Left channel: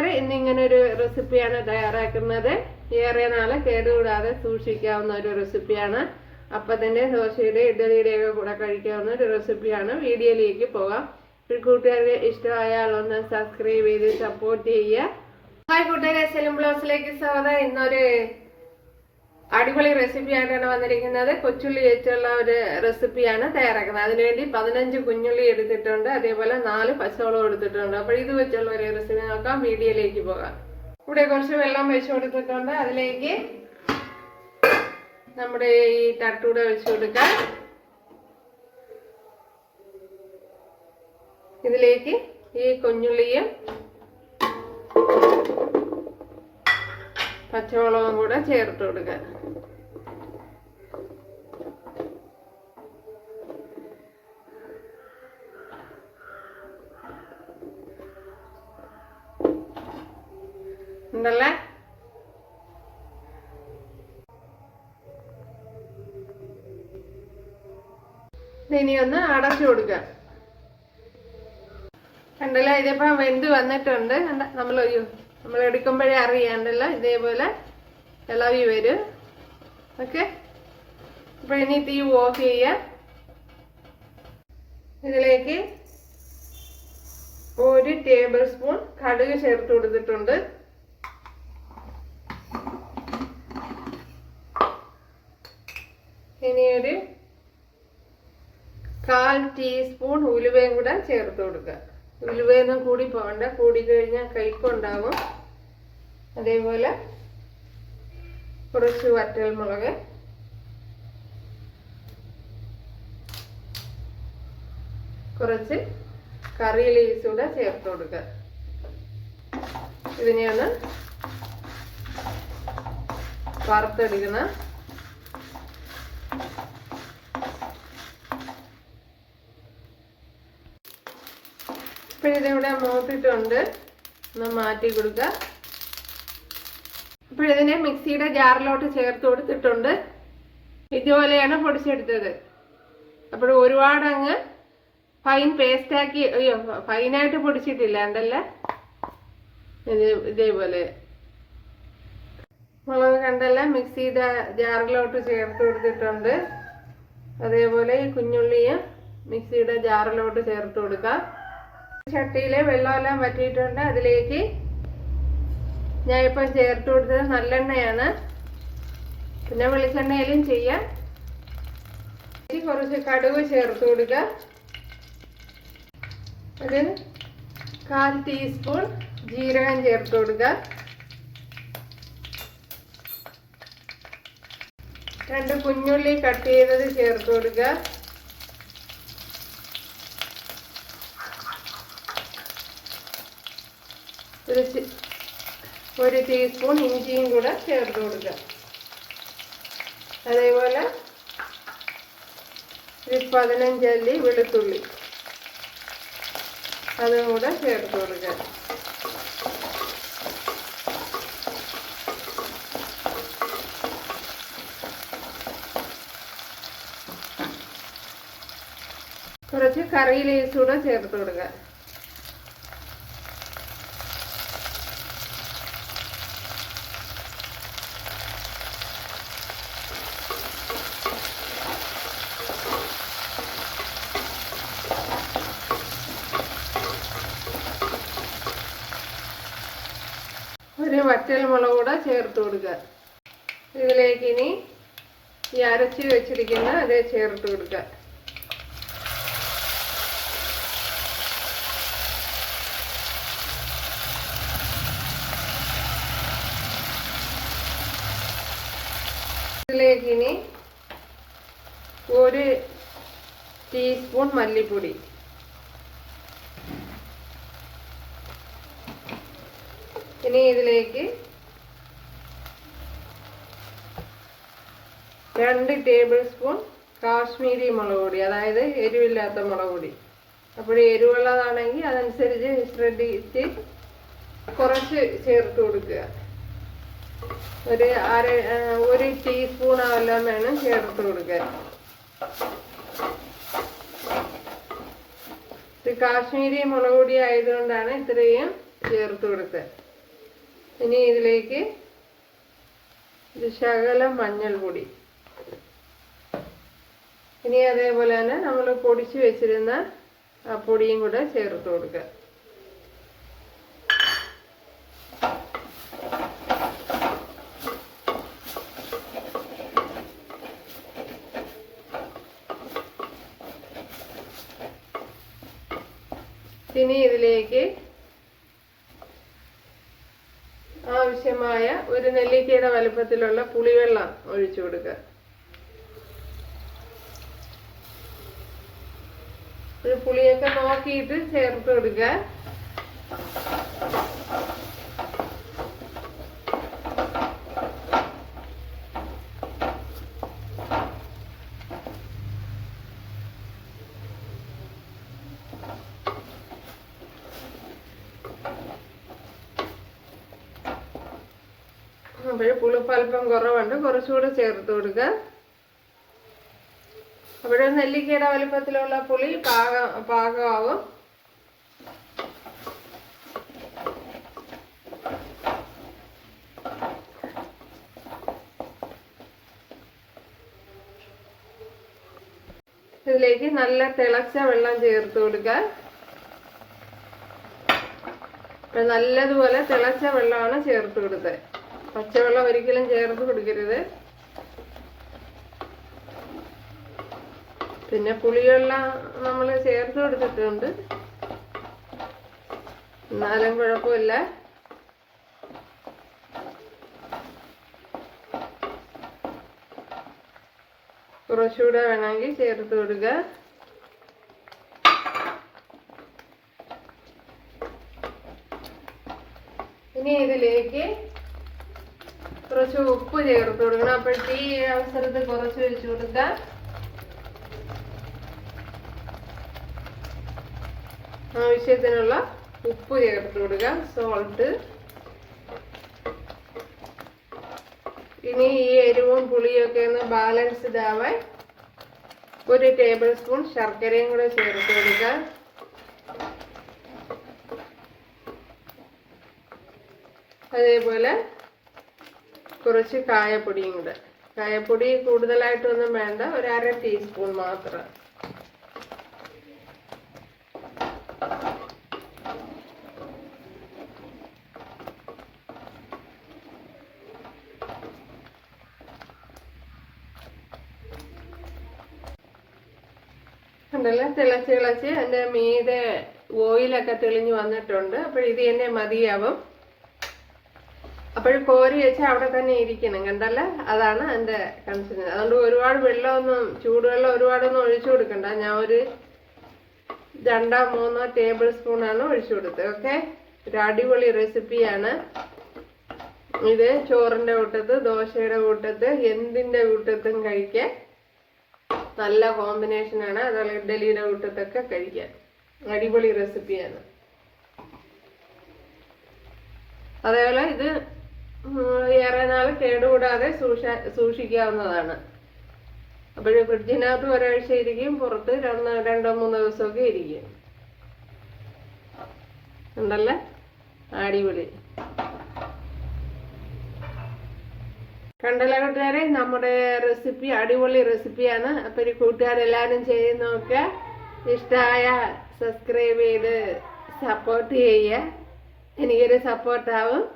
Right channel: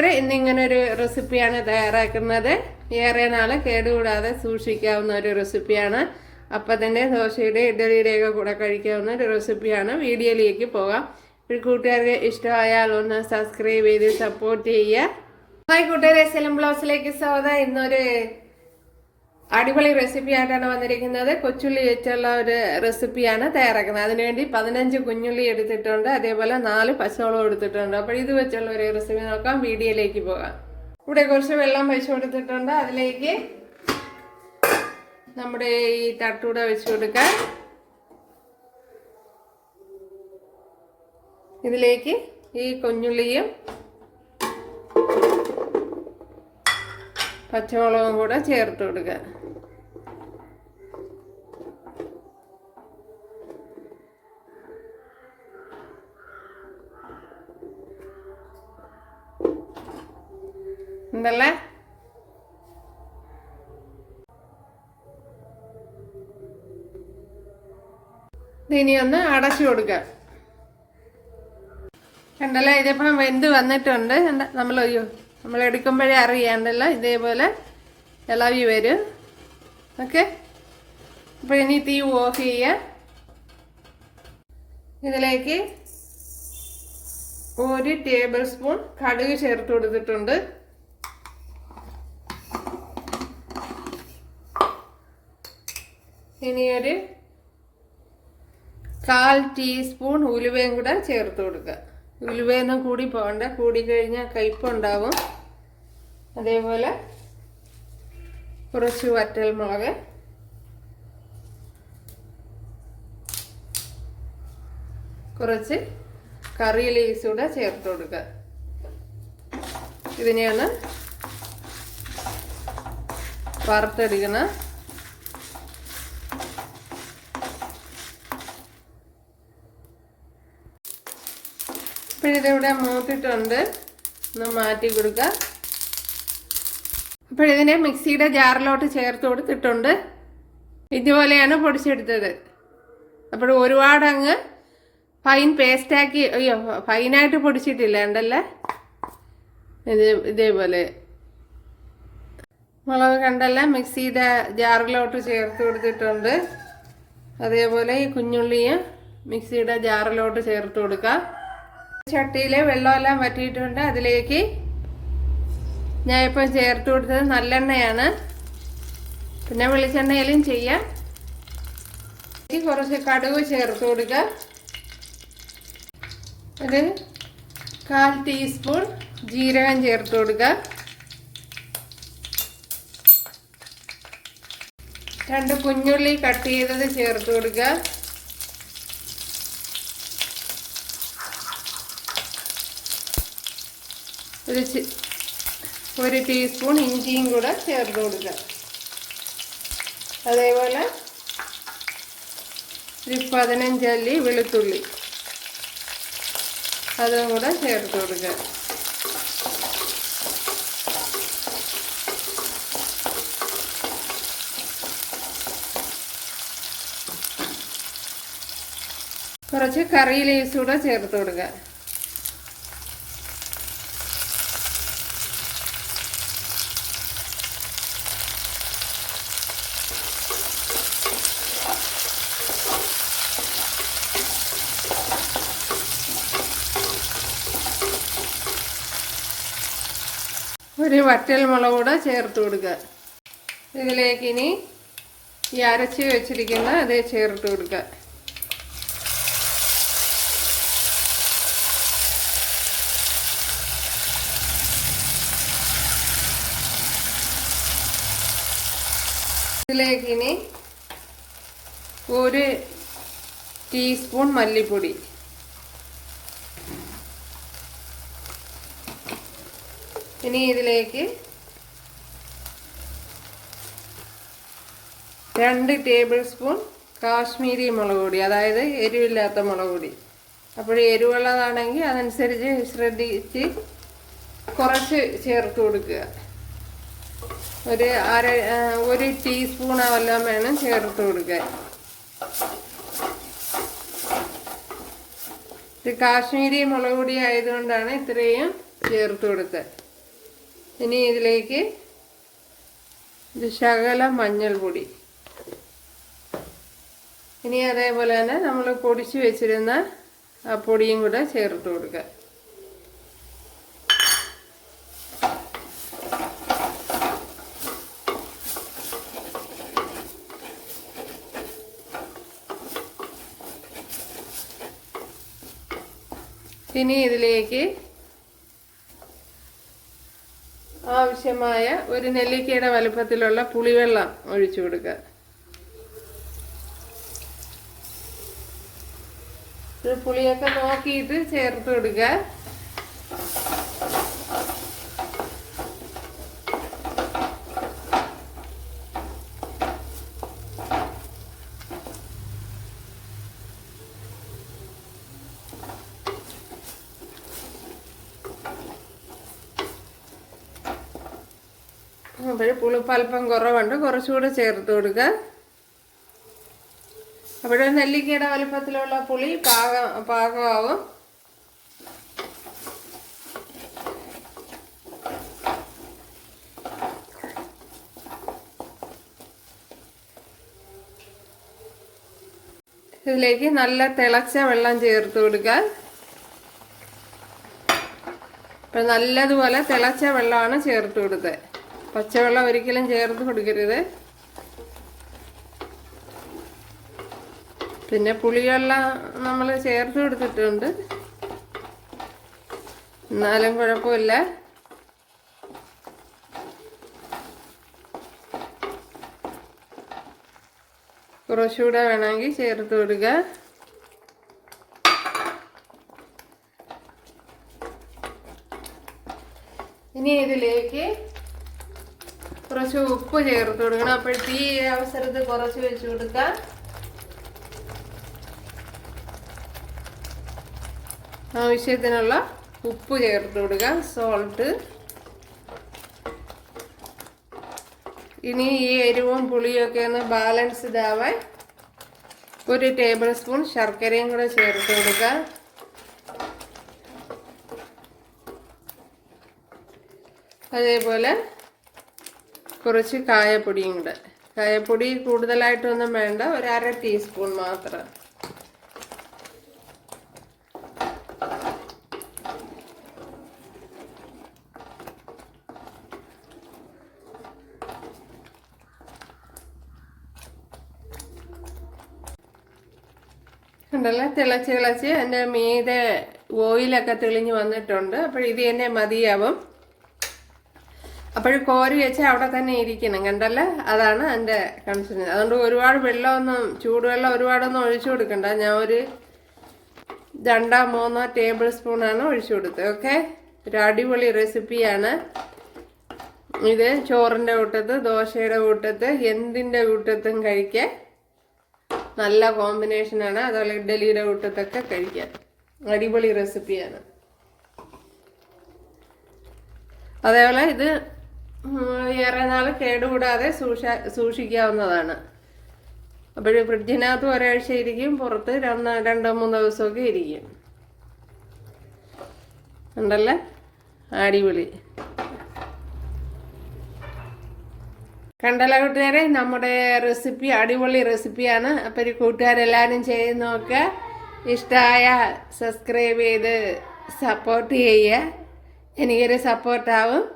ഇന്നിങ്ങനെ ഒരു റെസിപ്പിയാണ് തയ്യാറാക്കുന്നത്. ഏറെ നാൾ കേടുകൂടാതെ സൂക്ഷിക്കാവുന്ന ഒരു റെസിപ്പിയാണ് അപ്പത്തിന്റെ ദോശയുടെ ഇഡലിയുടെ ഒക്കെ കൂടെ കഴിക്കാവുന്ന ഒരു റെസിപ്പിയാണ് വീഡിയോയിലേക്ക് പോകാം. ഒരു കൂട്ടുകാർക്ക് ഇഷ്ടമായാൽ ഒന്ന് സബ്സ്ക്രൈബ് ചെയ്ത് സപ്പോർട്ട് ചെയ്യുക. ഹായ് കൂട്ടുകാരെ സെലം ബ്ലൗസിലേക്ക് സ്വാഗതം. ഇന്നൊരു അടിപൊളി റെസിപ്പി ആയിട്ടാണ് വന്നിരിക്കുന്നത്. കൊച്ചുള്ളി വെച്ചുള്ള ഒരു റെസിപ്പിയാണ് തയ്യാറാക്കുന്നത്. അതിനുവേണ്ടി പതിനഞ്ച് കുഞ്ഞുള്ളി എടുത്തിട്ടുണ്ട്. അതേപോലെ നാല് പച്ചവളം എടുത്തിട്ടുണ്ട്. അപ്പോൾ ഇത് വെച്ചുള്ള ഒരു റെസിപ്പി നോക്കാം. വീഡിയോയിലേക്ക് പോകാം. ഇവിടെ കുറച്ച് വെള്ളം വെച്ച് കൊടുത്തിട്ടുണ്ട്. അതിലേക്ക് നമ്മുടെ ഈ തട്ടൂടെ വെച്ച് കൊടുക്കാം. ഇതിലേക്ക് ഈ കുഞ്ഞുള്ളിയും പച്ചമുളകും കൂടെ ചേർത്ത് കൊടുക്കുക എന്തല്ലേ ഇനി ഒന്ന് അടച്ചു കൊടുക്കുക കണ്ടല്ലേ? ഇതിപ്പം വെന്ത് വന്നിട്ടുണ്ട്. എന്താ നമ്മൾ അയ്യോ നമ്മൾ എടുക്കുമ്പോഴേ അറിയാണ്ടല്ലോ ഇതേപോലെ ഇളവി വരും. ഓക്കെ അപ്പോൾ ഇനി തീ ഓഫ് ചെയ്യുക ഇതിലേക്ക് ഒരു ടേബിൾ സ്പൂൺ കടുക് ചേർത്ത് കൊടുത്തിട്ടുണ്ട്. ഇനി ഒരു കാൽ ടീസ്പൂൺ ഉലുവയും കൂടെ ചേർത്ത് കൊടുക്കുക. ഉലുവയൊന്നും കൂടി പോകണ്ട. കൂടി കഴിഞ്ഞാൽ കയ്പുണ്ടാവും അതേപോലെ കുറച്ച് വറ്റൽ മുളക്. കുറച്ച് കറി ലീസ് കൂടെ ചേർത്ത് കൊടുക്കുക. ഇതിനെയാണ് വറുത്തെടുക്കണം. ഇപ്പോഴിതിവിടെ മൂത്തിട്ടുണ്ട്. ഒന്ന് മാറ്റി കൊടുക്കുക ഇപ്പോഴിതിനെ മിക്സിയുടെ ജാറിലോട്ട് ചേർത്ത് കൊടുത്തിട്ടുണ്ട്. ഇതുപോലെയാണ് പൊടിച്ചെടുത്തത്. അപ്പോൾ ഒരുപാട് അങ്ങ് ഫൈൻ പേസ്റ്റാക്കി അയ്യോ ഫൈനായിട്ട് പൊടിച്ചിട്ടില്ല ഉണ്ടല്ലേ ഇത് ഇതേപോലെ. മുളക് കണ്ടല്ല? മിക്സിയുടെ ജാറിലോട്ട് ചേർത്ത് കൊടുത്തിട്ടുണ്ട്. അതേപോലെ ഈ കുഞ്ഞുള്ളിയും മിക്സിയുടെ ജാറിലോട്ട് ചേർത്ത് കൊടുക്കാം. ചട്ടിയിലെ വെള്ളമെല്ലാം വറ്റിയിട്ടുണ്ട്. അതിലേക്ക് ഞാൻ ഇപ്പം ചേർത്ത് കൊടുത്തത് നല്ലെണ്ണയാണ്. പിന്നെ വെളിച്ചെണ്ണയിലും ചെയ്യാം. കുറച്ച് കടുക് ചേർത്ത് കൊടുക്കുക. ഒരു കാൽ ടീസ്പൂൺ ജീരകം ചേർത്ത് കൊടുക്കുക. രണ്ട് കുഞ്ഞുള്ളി കട്ട് ചെയ്തത് ചേർത്ത് കൊടുക്കുക. ഒരു ഒരു ടീസ്പൂൺ ഇഞ്ചിയും കൂടെ ചേർത്ത് കൊടുക്കാം അതേപോലെ ഒരു പതിനഞ്ചല്ലി വെളുത്തുള്ളി. അതും കൂടെ ചേർത്ത് കൊടുക്കാം കുറച്ച് കറി ലീവ്സ് കൂടെ ചേർത്ത് കൊടുക്കുക. ഒരു വറ്റൽ മുളക് കൂടെ ചേർത്ത് കൊടുക്കുക. ഇതിലേക്ക് ഇനി ഈ അരച്ച് വെച്ചിരിക്കുന്ന അതേ ചേർത്ത് കൊടുക്കുക. ഇതിലേക്ക് ഇനി ഒരു ടീസ്പൂൺ മല്ലിപ്പൊടി. ഇനി ഇതിലേക്ക് രണ്ട് ടേബിൾ സ്പൂൺ കാശ്മീരി മുളക് പൊടി അതായത് എരിവില്ലാത്ത മുളക് പൊടി. അപ്പോൾ എരിവുള്ളതാണെങ്കിൽ അതനുസരിച്ച് ശ്രദ്ധിച്ച് കുറച്ച് ചേർത്ത് കൊടുക്കുക. ഒരു അര ഒരു ടീസ്പൂണെല്ലാം വേണം ചേർത്ത് കൊടുക്കാൻ. ഇത് കാശ്മീരി മുളക് പൊടി ആയതുകൊണ്ടാണ് ഇത്രയും ചേർത്ത് കൊടുത്തത്. ഇനി ഇതിലേക്ക് ഒരു ശകല മഞ്ഞൾപ്പൊടി ഇനി അതേപോലെ തന്നെ നമ്മൾ പൊടിച്ച് വെച്ചിരുന്ന ആ പൊടിയും കൂടെ ചേർത്ത് കൊടുക്കുക. ഇനി ഇതിലേക്ക് ആവശ്യമായ ഒരു നെല്ലിക്കയുടെ വലുപ്പത്തിലുള്ള പുളിവെള്ളം ഒഴിച്ചു കൊടുക്കുക. ഒരു പുളിയൊക്കെ നോക്കിയിട്ട് ചേർത്ത് കൊടുക്കുക. അപ്പോൾ പുളിപ്പൽപ്പം കുറവുണ്ട്. കുറച്ചുകൂടെ ചേർത്ത് കൊടുക്കുക അവിടെ നെല്ലിക്കയുടെ വലുപ്പത്തിലുള്ള പുളി പാക പാകമാവും. ഇതിലേക്ക് നല്ല തിളച്ച വെള്ളം ചേർത്ത് കൊടുക്കുക അപ്പം നല്ലതുപോലെ തിളച്ച വെള്ളമാണ് ചേർത്ത് കൊടുത്തത്. പച്ചവെള്ളം ഒരിക്കലും ചേർത്ത് കൊടുക്കരുത്. പിന്നെ പുളിയെല്ലാം നമ്മൾ ചേർത്ത് കൊടുത്തിട്ടുണ്ട്. എന്നാലും കുഴപ്പമില്ല. കുറച്ചുകൂടെ വേണമെങ്കിൽ ചേർത്ത് കൊടുക്കുക ഇനി ഇതിലേക്ക് കുറച്ച് ഉപ്പ് ചേർത്ത് കൊടുക്കണം. അപ്പോഴത്തെ ഈ അവസരത്തിൽ കുറച്ച് വെച്ച് കൊടുക്കാം. ആവശ്യത്തിനുള്ള ഉപ്പ് ചേർത്ത് കൊടുക്കുക സോൾട്ട് ഇനി ഈ എരിവും പുളിയൊക്കെ ഒന്ന് ബാലൻസ്ഡ് ആവാൻ ഒരു ടേബിൾ സ്പൂൺ ശർക്കരയും കൂടെ ചേർത്ത് കൊടുക്കുക അതേപോലെ കുറച്ച് കായപ്പൊടിയും കൂടെ കായപ്പൊടി കൂടുതലായിട്ടൊന്നും വേണ്ട. ഒരു അര ടീസ്പൂൺ മാത്രം. തിളച്ച് തിളച്ച് എന്റെ മീതെ ഓയിലൊക്കെ തെളിഞ്ഞ് വന്നിട്ടുണ്ട്. അപ്പോൾ ഇത് തന്നെ മതിയാവും. അപ്പോൾ കോരി വെച്ച് അവിടെ തന്നെ ഇരിക്കണം കണ്ടല്ലേ? അതാണ് എന്റെ കൺസൺ അതുകൊണ്ട് ഒരുപാട് വെള്ളമൊന്നും ചൂടുവെള്ളം ഒരുപാടൊന്നും ഒഴിച്ചു കൊടുക്കണ്ട. ഞാൻ ഒരു രണ്ടോ മൂന്നോ ടേബിൾ സ്പൂണാണ് ഒഴിച്ചു കൊടുത്തത് ഓക്കെ ഒരു അടിപൊളി റെസിപ്പിയാണ് ഇത് ചോറിന്റെ കൂട്ടത്ത് ദോശയുടെ കൂട്ടത്ത് എന്തിന്റെ കൂട്ടത്തും കഴിക്കാൻ നല്ല കോമ്പിനേഷനാണ് അതുപോലെ ഇഡ്ഡലിയുടെ കൂട്ടത്തൊക്കെ കഴിക്കാൻ അടിപൊളി റെസിപ്പിയാണ് അതേപോലെ ഇത് ഏറെ നാൾ കേടുകൂടാതെ സൂക്ഷ സൂക്ഷിക്കാവുന്നതാണ്. അപ്പോഴും ഫ്രിഡ്ജിനകത്ത് ഒരാഴ്ച ഇരിക്കും പുറത്ത് രണ്ട് രണ്ടോ മൂന്നോ ദിവസമൊക്കെ ഇരിക്കും. ഉണ്ടല്ലേ അടിപൊളി. കണ്ടല്ല കൂട്ടുകാരെ? നമ്മുടെ റെസിപ്പി അടിപൊളി റെസിപ്പിയാണ്. അപ്പോൾ ഒരു കൂട്ടുകാരെല്ലാവരും ചെയ്ത് നോക്കുക ഇഷ്ടമായ സബ്സ്ക്രൈബ് ചെയ്ത് സപ്പോർട്ട് ചെയ്യുക. എനിക്കൊരു സപ്പോർട്ടാവും.